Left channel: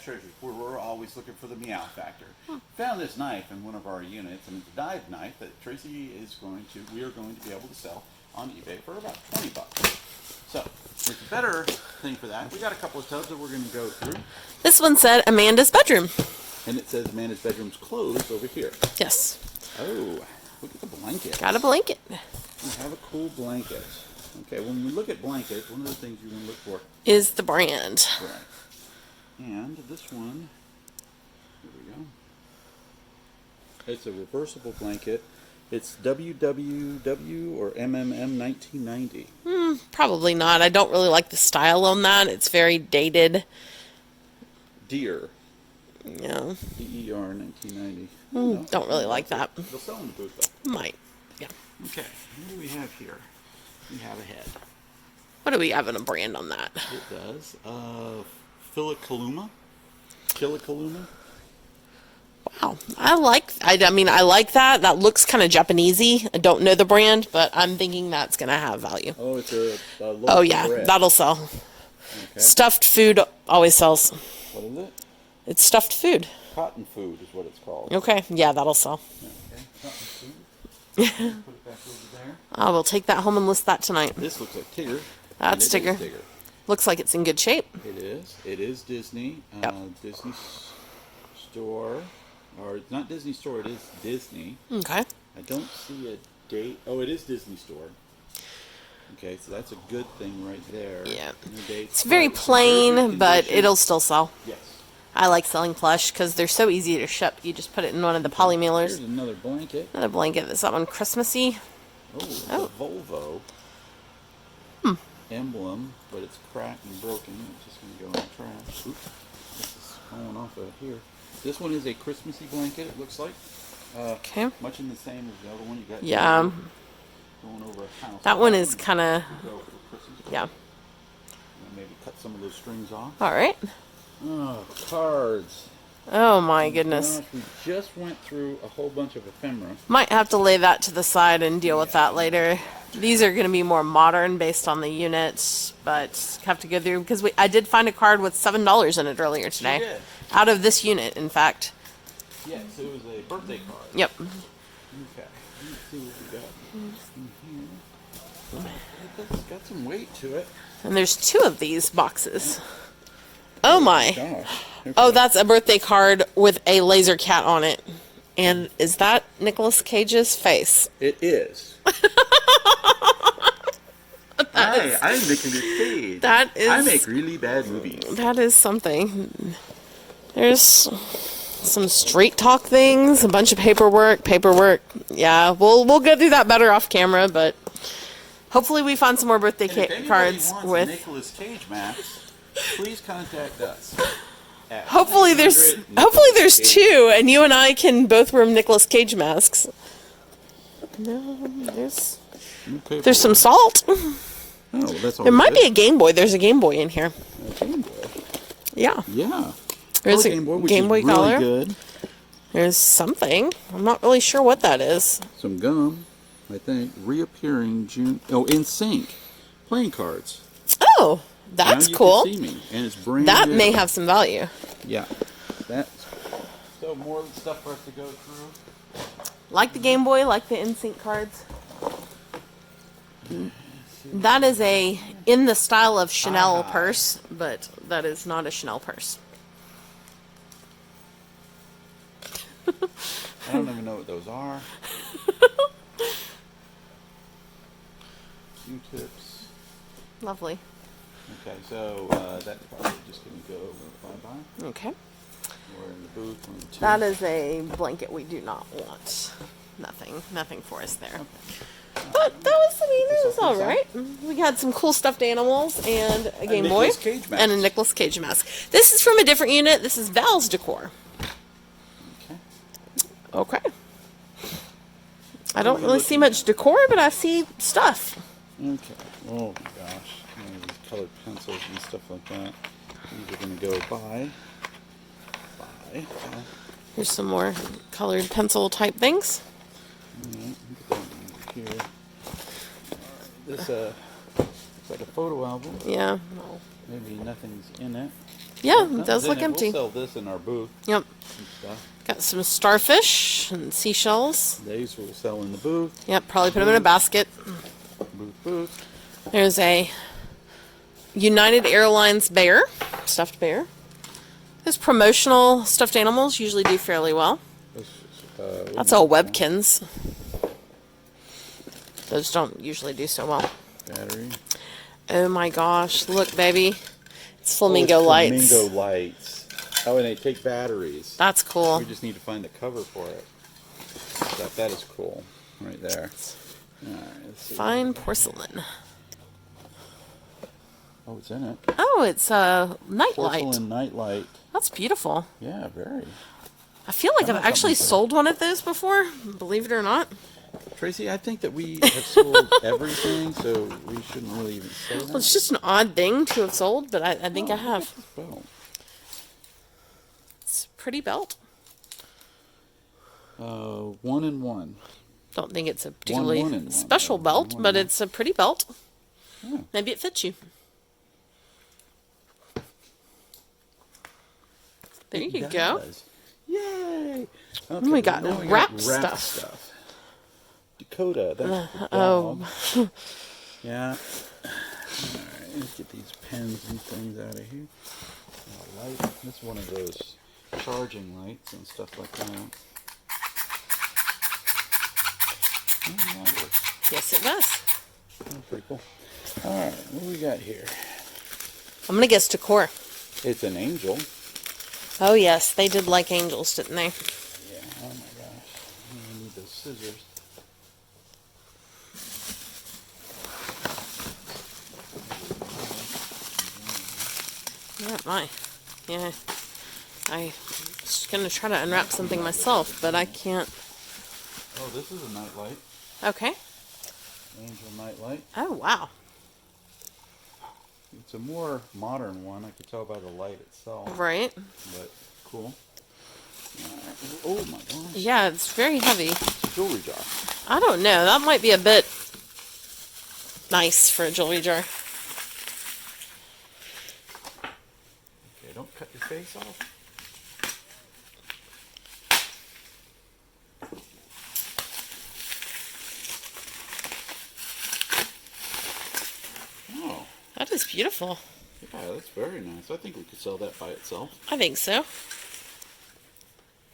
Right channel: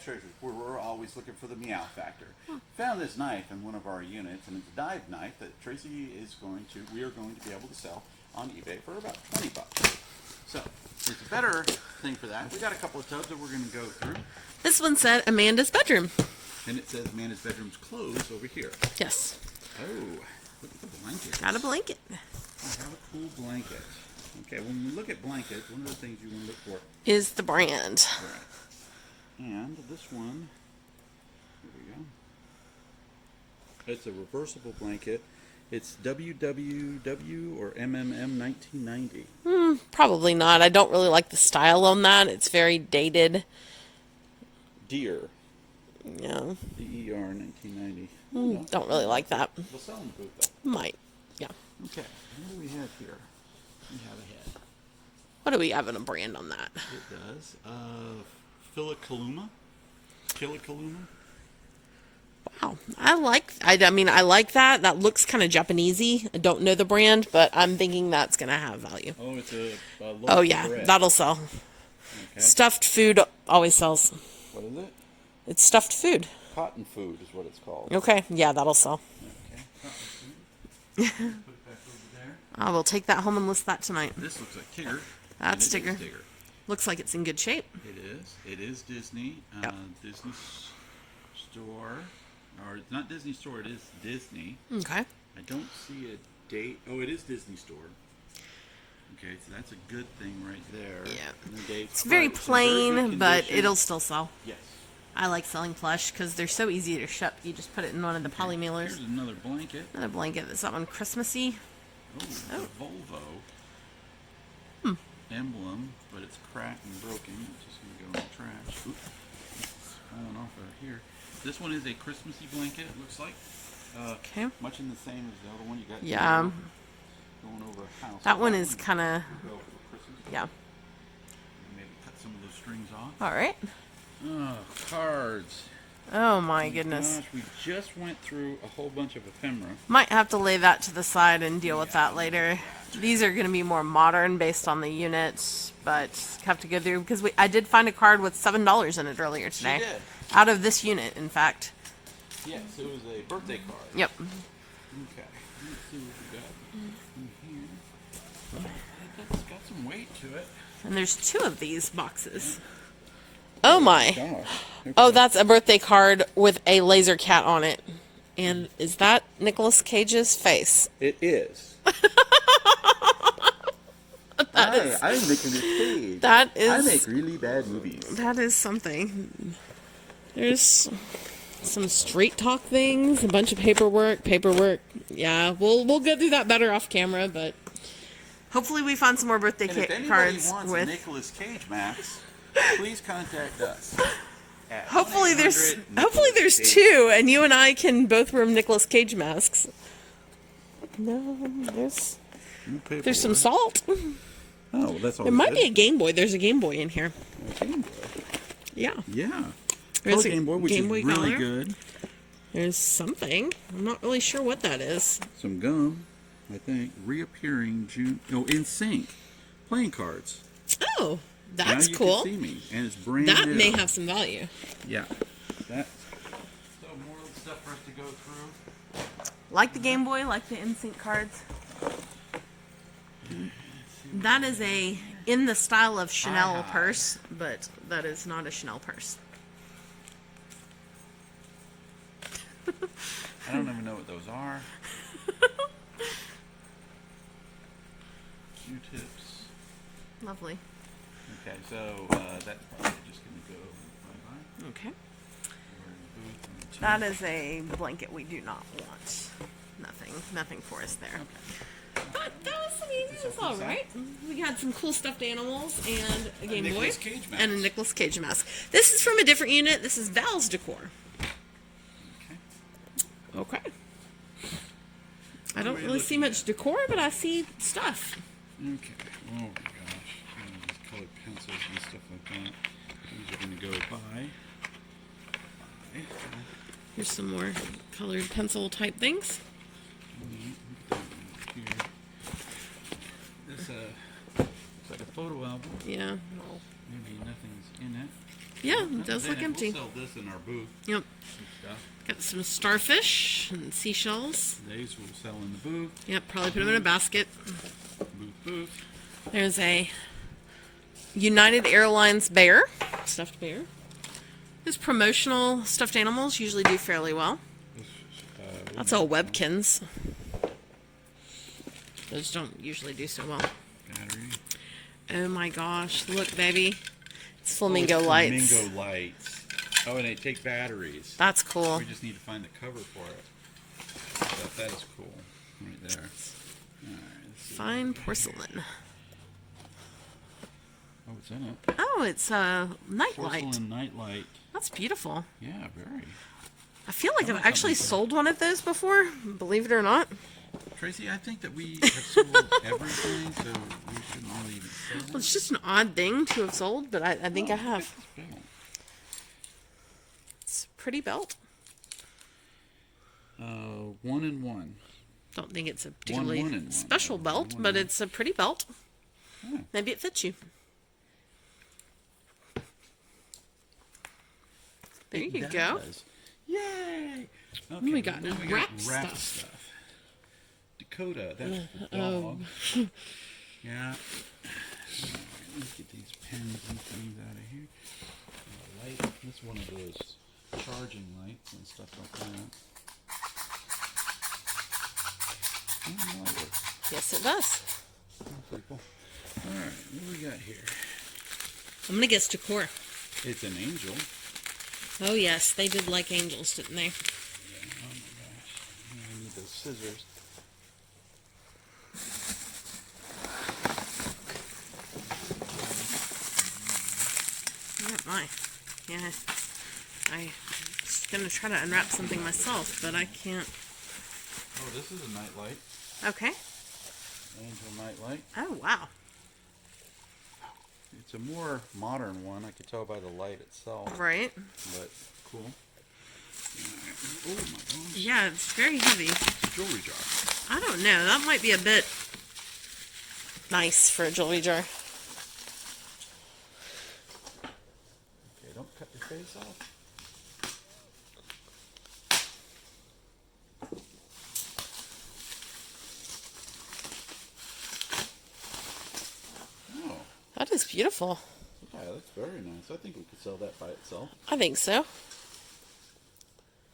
Jack's Treasures, where we're always looking for the meow factor. Found this knife in one of our units, and it's a dive knife that we are going to be able to sell on eBay for about 20 bucks. So, there's a better thing for that. We got a couple of tubs that we're going to go through. This one said Amanda's bedroom. And it says Amanda's bedroom's closed over here. Yes. Oh, look at the blanket. Got a blanket. We have a cool blanket. Okay, when we look at blankets, one of the things you want to look for Is the brand. right. And this one, here we go. It's a reversible blanket. It's WWW or MMM 1990. Probably not. I don't really like the style on that. It's very dated. Deer. Yeah. DER 1990. Don't really like that. They'll sell them in the booth though. Might. Yeah. Okay, what do we have here? We have a head. What do we have in a brand on that? It does. Philikaluma. Kilikaluma. Wow. I like that. That looks kind of Japanesey. I don't know the brand, but I'm thinking that's going to have value. Oh, it's a loaf Oh, of yeah. bread. That'll sell. Okay. Stuffed food always sells. What is it? It's stuffed food. Cotton food is what it's called. Okay. Yeah, that'll sell. Okay. Cotton food. Put it back over there. I will take that home and list that tonight. This looks like Tigger. That's and it is Tigger. Looks like it's in good shape. It is. It is Disney. Yep. Disney store. Or it's not Disney store, it is Disney. Okay. I don't see a date. Oh, it is Disney store. Okay, so that's a good thing right there. Yeah. No dates. It's very But it's in very plain, good but condition. it'll still sell. Yes. I like selling plush because they're so easy to ship. You just put it in one of the poly Here's mailers. another blanket. Another blanket. That's that one Christmassy. Oh, it's Oh. a Volvo emblem, but it's cracked and broken. It's just going to go in the trash. Oops, this is falling off of here. This one is a Christmassy blanket, it looks like. Okay. Much in the same as the other one you got. Yeah. Going over a house. That one is kind of, Go for Christmas. yeah. And maybe cut some of those strings off. All right. Oh, cards. Oh my goodness. Gosh, we just went through a whole bunch of ephemera. Might have to lay that to the side and deal with that later. These are going to be more modern based on the unit, but have to go through because I did find a card with $7 in it earlier today. did? Out of this unit, in fact. Yes, it was a birthday card. Yep. Okay. Let's see what we got in here. It's got some weight to it. And there's 2 of these boxes. Oh my. Gosh. Oh, that's a birthday card with a laser cat on it. And is that Nicolas Cage's face? It is. Hi, I'm Nicolas Cage. That is. I make really bad movies. That is something. There's some street talk things, a bunch of paperwork. Yeah, we'll go through that better off camera, but hopefully we find some more birthday And if anybody cards wants with. Nicolas Cage maps, please contact us. at Hopefully there's 2, and you and I can both wear Nicolas Cage masks. No, there's some salt. Oh, that's all. There might be a Game Boy. There's a Game Boy in here. Game Boy. Yeah. Yeah. There's a Game Boy, which Game is Boy really color. good. There's something. I'm not really sure what that is. Some gum, I think. Reappearing June. Oh, In Sync. Playing cards. Oh, that's Now you cool. can see me, and it's brand That new. may have some value. Yeah. That's cool. So more stuff for us to go through. Like the Game Boy, like the NSYNC cards. That is in the style of Chanel purse, but that is not a Chanel purse. I don't even know what those are. Q-tips. Lovely. Okay, so that's probably just going to go bye-bye. Okay. We're in the booth. That is a blanket we do not want. Nothing for us there. But that was all right. We had some cool stuffed animals and a Game Boy Nicolas Cage mask. and a Nicolas Cage mask. This is from a different unit. This is Val's Decor. Okay. Okay. I don't really see much decor, but I see stuff. Okay. Oh my gosh. These colored pencils and stuff like that. These are going to go by. Here's some more colored pencil type things. Alright, put that over here. This is like a photo album. Yeah. Maybe nothing's in it. Yeah, Nothing's it does in look empty. We'll sell this in our booth Yep. and stuff. Got some starfish and seashells. These we'll sell in the booth. Yep, probably put them in a basket. Booth. There's a United Airlines bear, stuffed bear. Those promotional stuffed animals usually do fairly well. That's all Webkins. Those don't usually do so well. Battery. Oh my gosh, look, baby. It's Oh, flamingo it's lights. Flamingo lights. Oh, and they take batteries. That's cool. We just need to find the cover for it. That is cool. Right there. All right, let's see. Fine porcelain. Oh, it's in it. Oh, it's a nightlight. Porcelain nightlight. That's beautiful. Yeah, very. I feel like I've actually sold one of those before, believe it or not. Tracy, I think that we have sold everything, so we shouldn't really even sell Well, them. it's just an odd thing to have sold, but I think I have. Belt. It's a pretty belt. 1 and 1. Don't think it's a one particularly and one. special One, belt, one, but one. it's a pretty belt. Yeah. Maybe it fits you. There you It go. does. Yay! Okay, We got now wrap wrap stuff. Dakota, that's the oh. dog. Yeah. Alright, let's get these pens and things out of here. Light. This is one of those charging lights and stuff like that. Yeah, that works. Yes, it does. That's pretty cool. Alright, what do we got here? I'm going to guess decor. It's an angel. Oh, yes. They did like angels, didn't they? Yeah, oh my gosh. I need those scissors. Oh, my. Yeah. I was going to try to unwrap something myself, but I can't. Oh, this is a nightlight. Okay. Angel nightlight. Oh, wow. It's a more modern one. I could tell by the light itself. Right. But cool. Oh my gosh. Yeah, it's very heavy. Jewelry jar. I don't know. That might be a bit nice for a jewelry jar. Okay, don't cut your face off. Oh, That is beautiful. yeah, that's very nice. I think we could sell that by itself. I think so.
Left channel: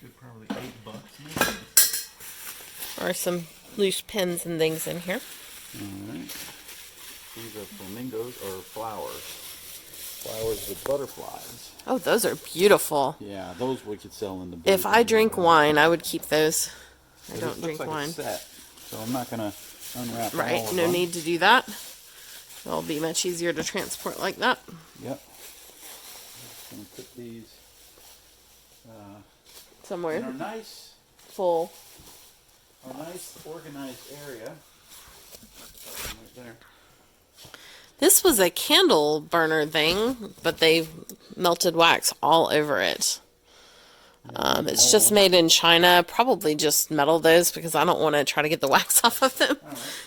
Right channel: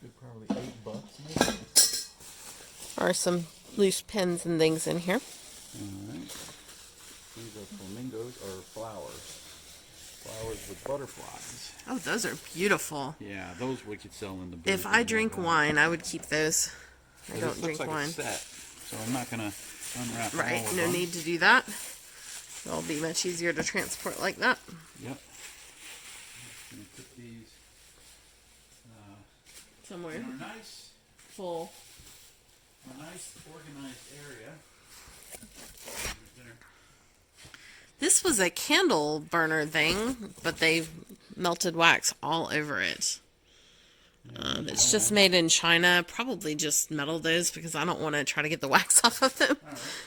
Good, probably $8 maybe. Or some loose pins and things in here. Alright. These are flamingos or flowers. Flowers with butterflies. Oh, those are beautiful. Yeah, those we could sell in the booth. If I drink wine, I would keep those. I This don't looks drink like wine. A set, so I'm not gonna unwrap all Right, of no them. need to do that. It'll be much easier to transport like that. Yep. Gonna put these Somewhere in a nice, full. organized area. Right there. This was a candle burner thing, but they melted wax all over it. It's just made in China. Probably just metal those because I don't want to try to get the wax off of them,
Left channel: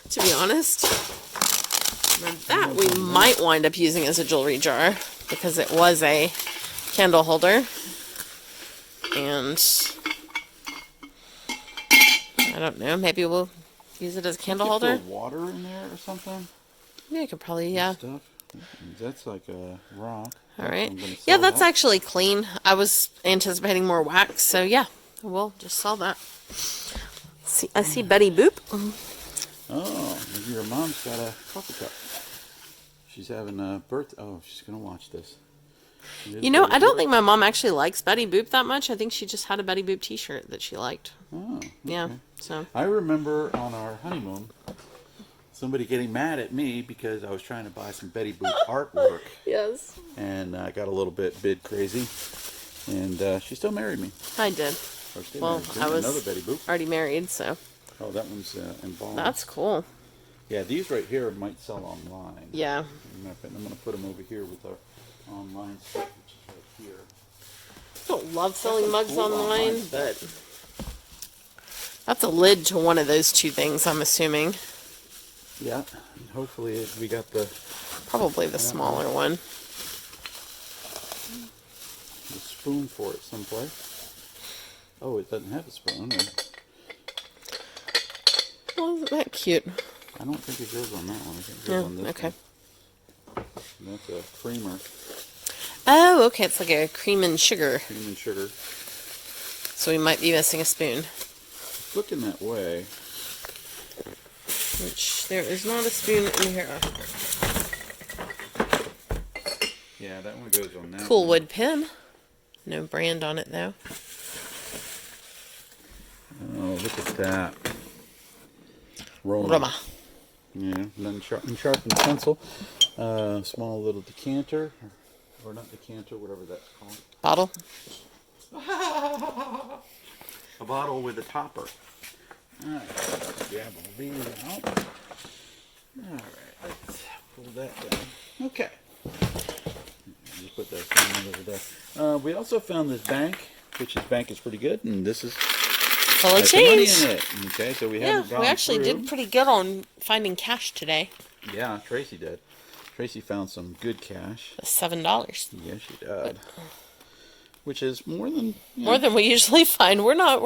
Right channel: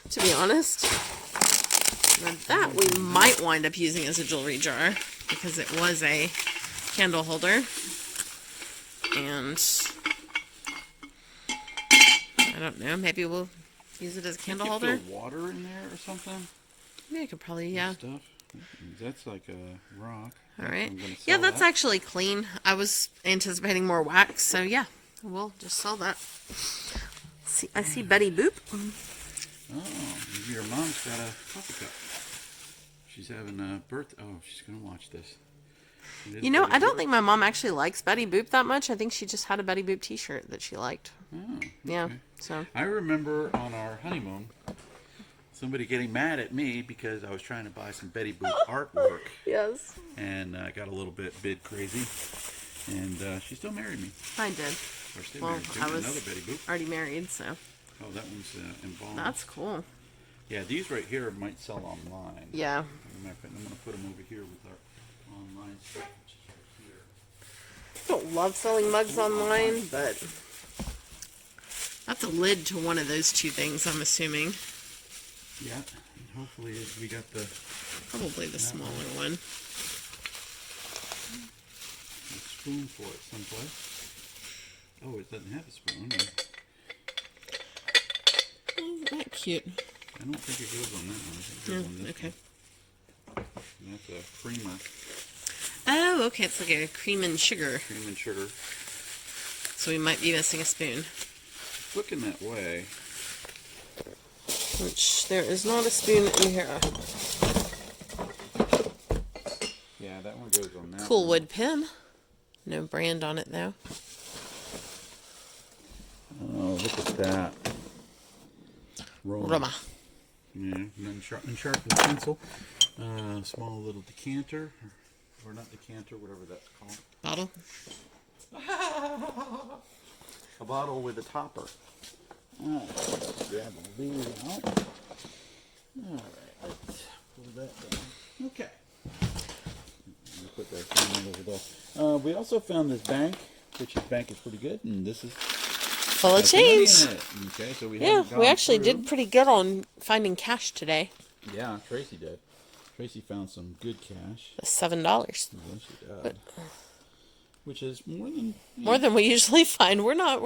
to be honest. Now that we might wind up using as a jewelry jar because it was a candle holder. And I don't know, maybe we'll use it as a candle You could holder. throw water in there or something. Yeah, I could probably, yeah. Stuff. That's like a rock. All right. I'm gonna Yeah, sell that's that. actually clean. I was anticipating more wax, so yeah, we'll just sell that. I see Betty Boop. Oh, maybe your mom's got a coffee cup. She's having a birth. Oh, she's gonna watch this. It is You know, Betty I don't Boop. think my mom actually likes Betty Boop that much. I think she just had a Betty Boop t-shirt that she liked. Oh, Yeah, okay. so. I remember on our honeymoon, somebody getting mad at me because I was trying to buy some Betty Boop artwork, Yes. and I got a little bit crazy, and she still married me. I did. Or stayed Well, married. I was Another Betty Boop. already married, so. Oh, that one's embalmed. That's cool. Yeah, these right here might sell online. Yeah. I'm going to put them over here with our online stuff, which is right here. I don't love selling mugs online, but that's a lid to one of those two things, I'm assuming. Yeah, and hopefully we got the... Probably the smaller one. spoon for it someplace. Oh, it doesn't have a spoon. Oh, isn't that cute? I don't think it goes on that one. I think it goes on this Okay. one. That's a creamer. Oh, okay. It's like a cream and sugar. Cream and sugar. So we might be missing a spoon. It's looking that way. Which there is not a spoon in here. Yeah, that one goes on that Cool one. wood pen. No brand on it though. Oh, look at that. Roma. Yeah, unsharpened pencil. Small little decanter. Or not decanter, whatever that's called. Bottle. A bottle with a topper. Alright, let's grab these out. Alright, let's pull that down. Okay. Just put that down over there. We also found this bank, which this bank is pretty good, and this is Full of has some money change. in it. Okay, so we Yeah, haven't gone we actually through. did pretty good on finding cash today. Yeah, Tracy did. Tracy found some good cash. $7. Yes, she did. Which is more than More than we usually find. We're not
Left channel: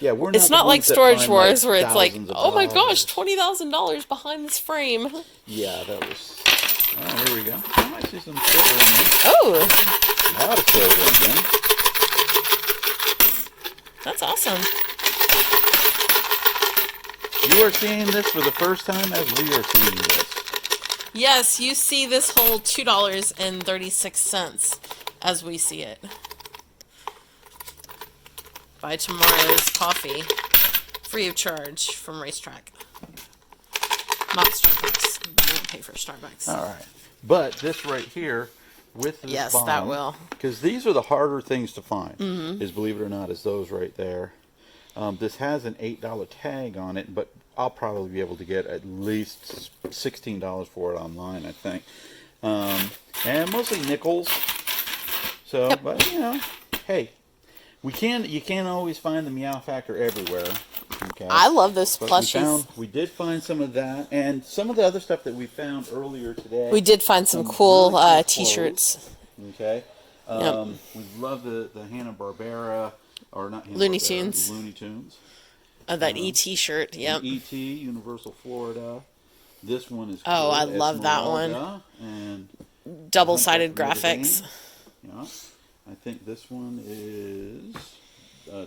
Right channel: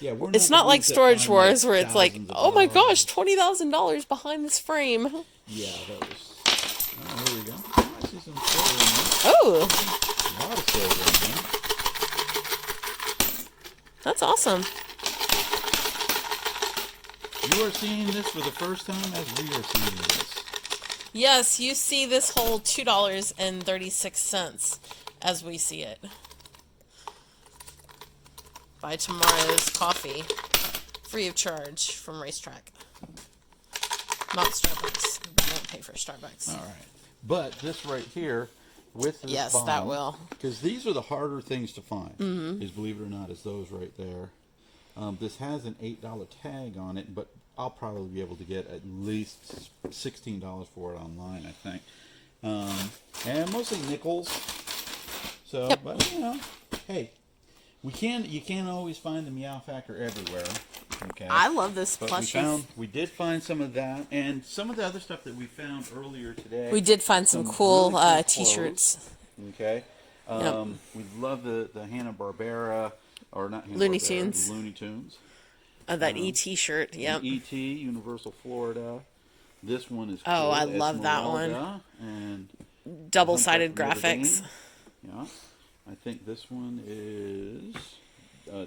yeah. We're it's the not like ones that Storage find, Wars where it's like, thousands of oh my gosh, dollars. $20,000 behind this frame. Yeah, that was. Oh, here we go. I might see some silver in there. Oh, A lot of silver in there. that's awesome. You are seeing this for the first time as we are seeing this. Yes, you see this whole $2.36 as we see it. Buy tomorrow's coffee free of charge from Racetrack. Not Starbucks. I won't pay for Starbucks. All right, but this right here with this Yes, bottom, that will. because these are the harder things to find. Is believe it or not, is those right there. This has an $8 tag on it, but I'll probably be able to get at least $16 for it online, I think. And mostly nickels. So, but you know, hey, you can't always find the Meow Factor everywhere. Okay. I love those But plushies. we did find some of that, and some of the other stuff that we found earlier today. We did find some Some cool really cool t-shirts. Okay. We love the Hanna-Barbera, or not Hanna-Barbera, Looney Tunes. Looney Tunes. That E.T. shirt. Yep. E.T., Universal Florida. This one is Oh, cool. I love that one. Esmeralda And Double-sided Notre Dame. graphics. Yeah. I think this one is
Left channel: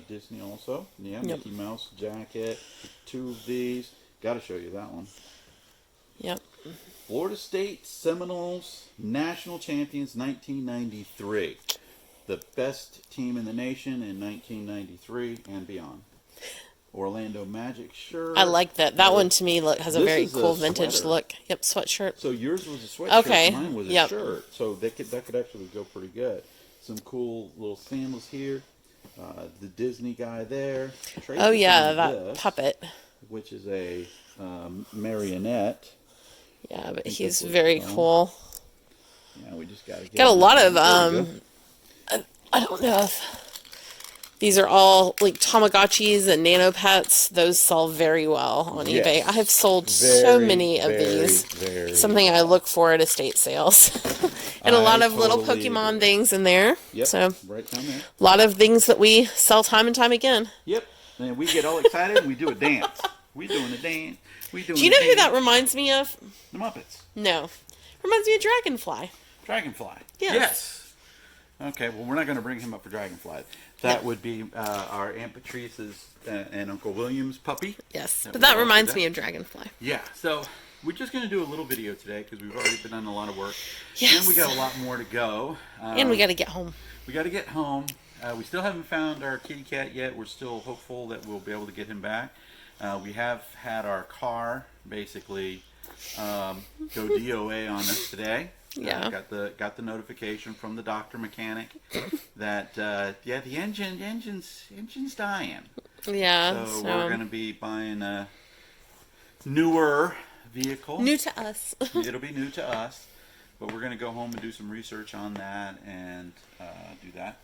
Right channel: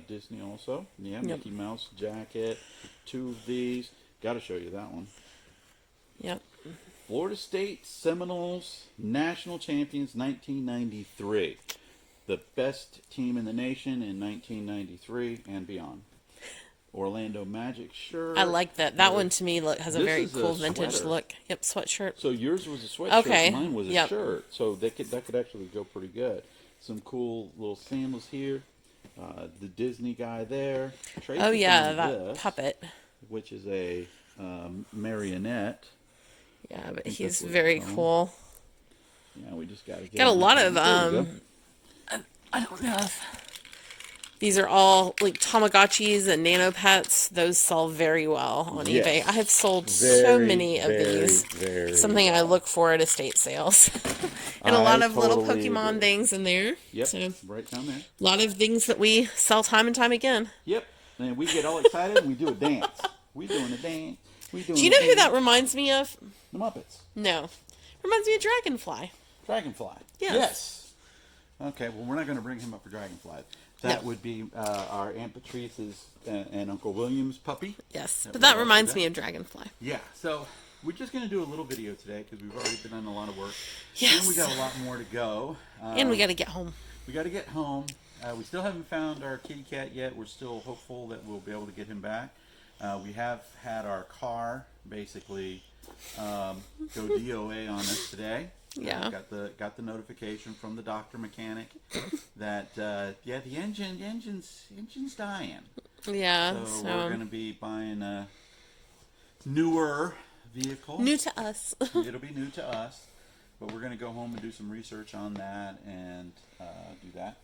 Disney also. Yeah, Yep. Mickey Mouse jacket. 2 of these. Got to show you that one. Yep. Florida State Seminoles National Champions 1993. The best team in the nation in 1993 and beyond. Orlando Magic shirt. I like that. That one to me has a This very is a cool vintage sweater. look. Yep, sweatshirt. So yours was a sweatshirt. Okay, Mine was a yep. shirt. So that could actually go pretty good. Some cool little sandals here. The Disney guy there. Tracy Oh yeah, found that this, puppet. which is a marionette. Yeah, but think he's that's what very it's called. cool. Yeah, we just gotta get Got a him. lot of There we go. I don't know if these are all like Tamagotchis and Nano Pets. Those sell very well on Yes. eBay. I have sold so Very, many of very, these. very Something I look for at estate sales. And a I lot of little totally Pokemon agree. things in there. Yep, So right down there. a lot of things that we sell time and time again. Yep. And we get all excited and we do a dance. We doing a dance. We doing Do you know who that reminds me of? The Muppets. No. Reminds me of Dragonfly. Dragonfly. Yes. Yes. Okay, well, we're not going to bring him up for Dragonfly. That No. would be our Aunt Patrice's and Uncle William's puppy. Yes. That But we that also reminds got. me of Dragonfly. Yeah, so we're just going to do a little video today because we've already been on a lot of work. Yes. And we got a lot more to go. And we got to get home. We got to get home. We still haven't found our kitty cat yet. We're still hopeful that we'll be able to get him back. We have had our car basically go DOA on us today. Yeah. Got the notification from the doctor mechanic that the engine's dying. Yeah. So So, we're gonna be buying a newer vehicle. new to us. It'll be new to us, but we're gonna go home and do some research on that and do that.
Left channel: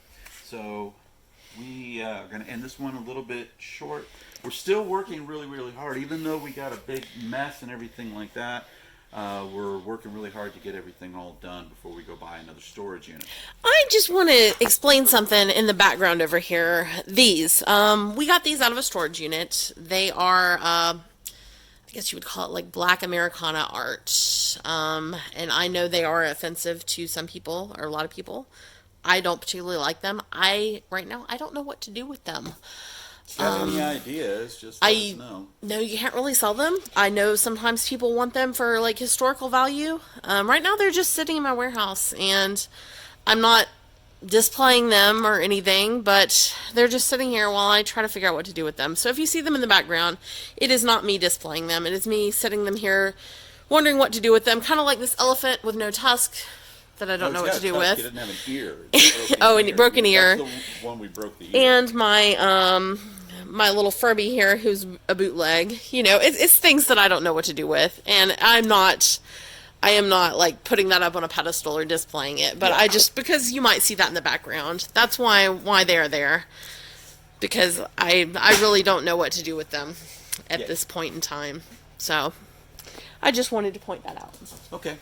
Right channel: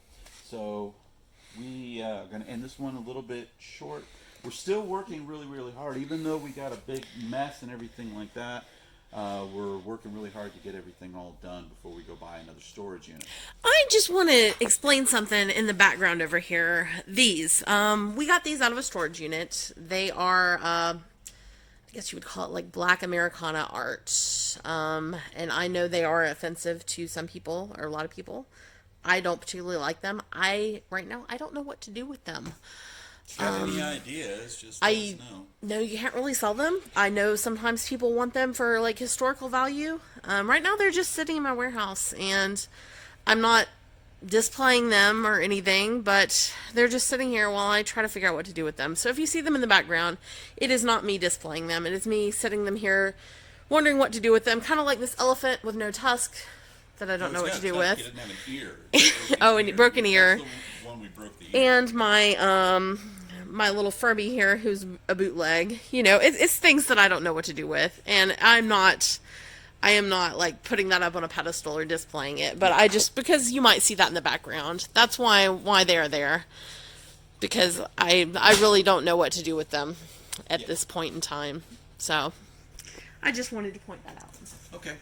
So we are gonna end this one a little bit short. We're still working really, really hard, even though we got a big mess and everything like that. We're working really hard to get everything all done before we go buy another storage unit. I I just want to explain something in the background over here. These, we got these out of a storage unit. They are, I guess you would call it like Black Americana art. And I know they are offensive to some people, or a lot of people. I don't particularly like them. Right now, I don't know what to do with them. If you have any ideas, just let us know. No, you can't really sell them. I know sometimes people want them for like historical value. Right now, they're just sitting in my warehouse, and I'm not displaying them or anything, but they're just sitting here while I try to figure out what to do with them. So if you see them in the background, it is not me displaying them. It is me sitting them here, wondering what to do with them. Kind of like this elephant with no tusk that I don't know what to do with. He doesn't have a beard. Oh, and broken ear. That's the one we broke the ear. And my little Furby here, who's a bootleg. You know, it's things that I don't know what to do with, and I am not like putting that up on a pedestal or displaying it, but I just, because you might see that in the background, that's why they're there, because I really don't know what to do with them at this point in time. So I just wanted to point that out. Okay.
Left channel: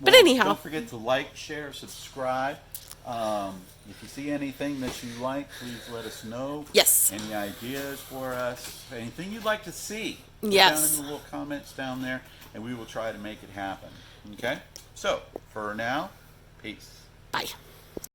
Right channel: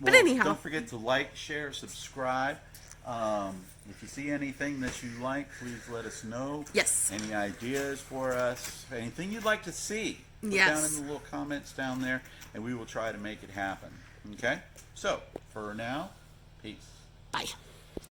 But Well, anyhow. don't forget to like, share, subscribe. If you see anything that you like, please let us know. Yes. Any ideas for us? Anything you'd like to see? Put Yes. down in the little comments down there, and we will try to make it happen. Okay? So, for now, peace. Bye.